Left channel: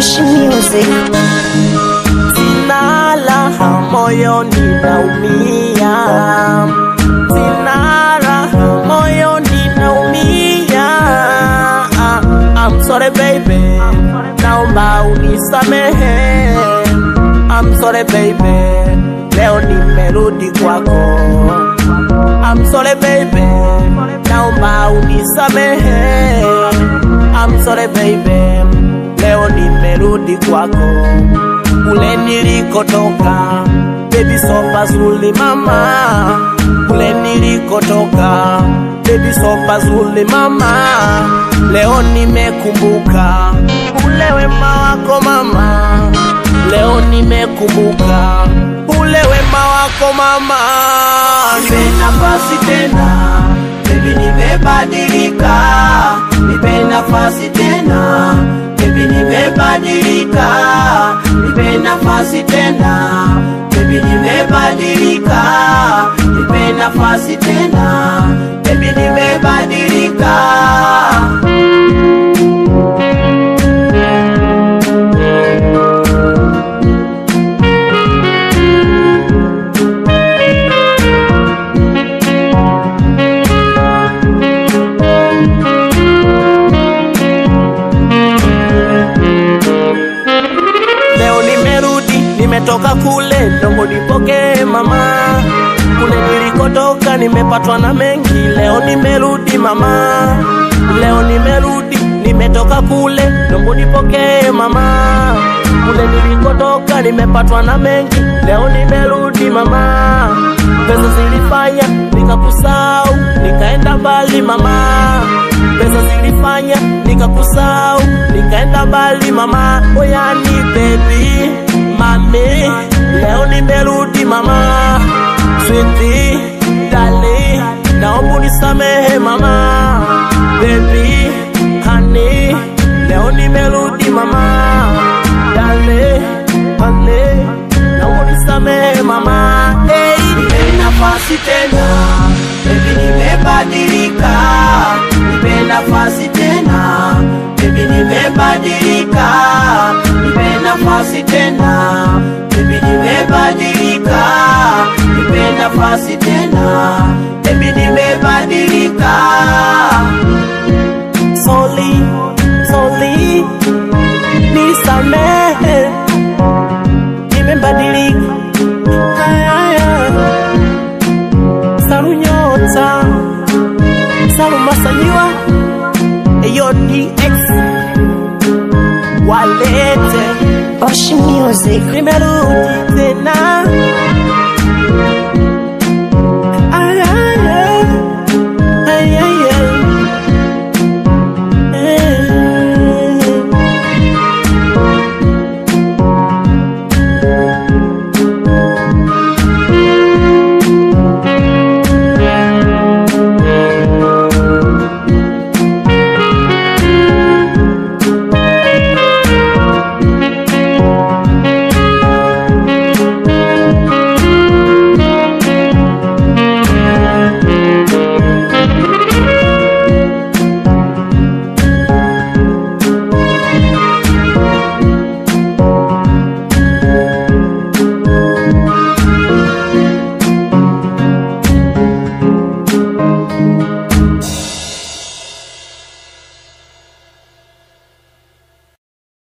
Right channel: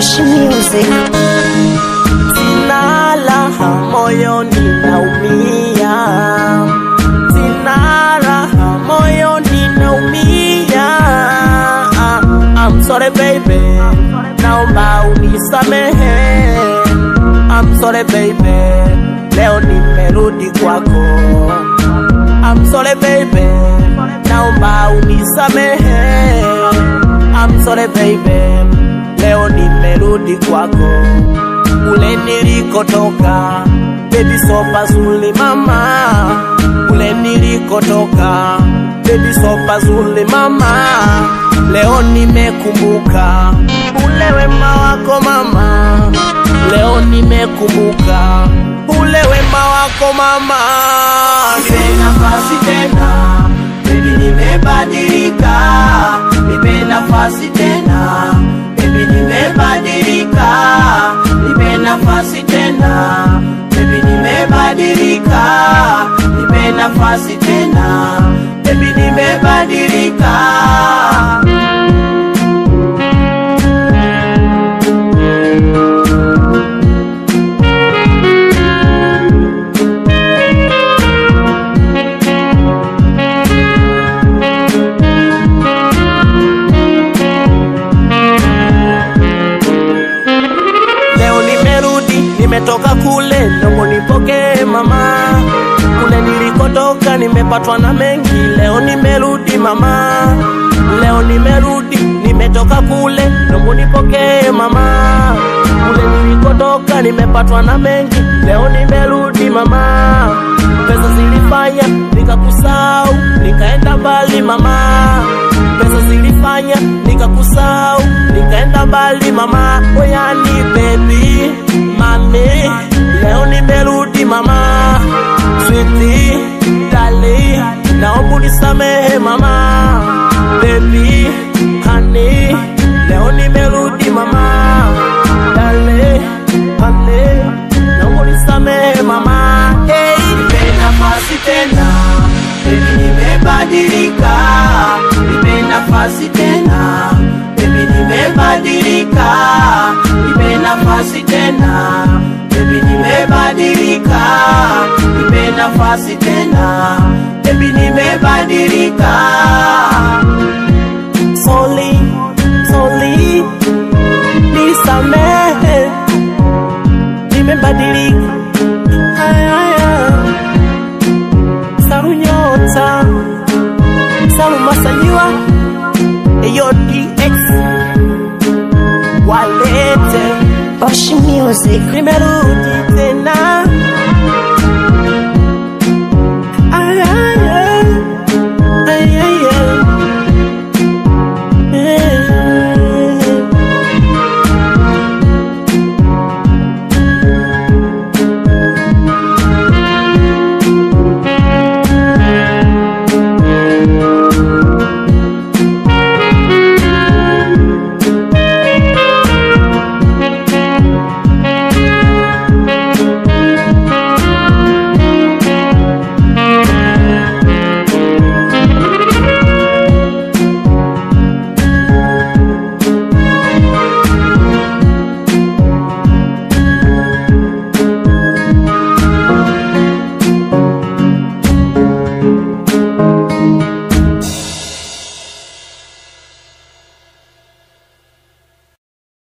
Oshi Music. Sina raha moyoni naumia, sina raha moyoni naumia. I'm sorry baby, naomba unisamehe. I'm sorry baby, leo nimerudi kwako. I'm sorry baby, naomba unisamehe. I'm sorry baby, leo nimerudi kwako. Kule nilikotoka, baby so pazuri mama. Kule nilikotoka, baby so pazuri mama. Leo nimekumbuka ule wema wako mama. Leo nimekumbuka ule wema wako mama. Nafasi tena, baby nimebadilika. Nipe nafasi tena, baby nimebadilika. Nipe nafasi tena, baby nimebadilika. Nipe nafasi tena, baby nimebadilika. Nimetoka kule, nombo nipoke mama. Kule nilikotoka, nimepatwa na mengi. Leo nimerudi mama. Leo nimerudi, nimetoka kule, nombo nipoke mama. Kule nilikotoka, nimepatwa na mengi. Leo nimerudi mama. Pesa zilifanya nikakusahau, nikaenda mbali mama. Pesa zilifanya nikakusahau, nikaenda mbali mama. Oyani baby mami, leo nimerudi mama. Sweetie, darling, naomba unisamehe mama. Baby, honey, leo nimerudi mama. Darling, honey, naomba unisamehe mama. Hey, nipe nafasi tena, baby nimebadilika. Nipe nafasi tena, baby nimebadilika. Nipe nafasi tena, baby nimebadilika. Nipe nafasi tena, baby nimebadilika. Sorry, sorry, nisamehe, nimebadilika. Haya, Saru Nyota, Saru Masanyiwa, Eyo DX, walete Oshi Music. nimerudi tena.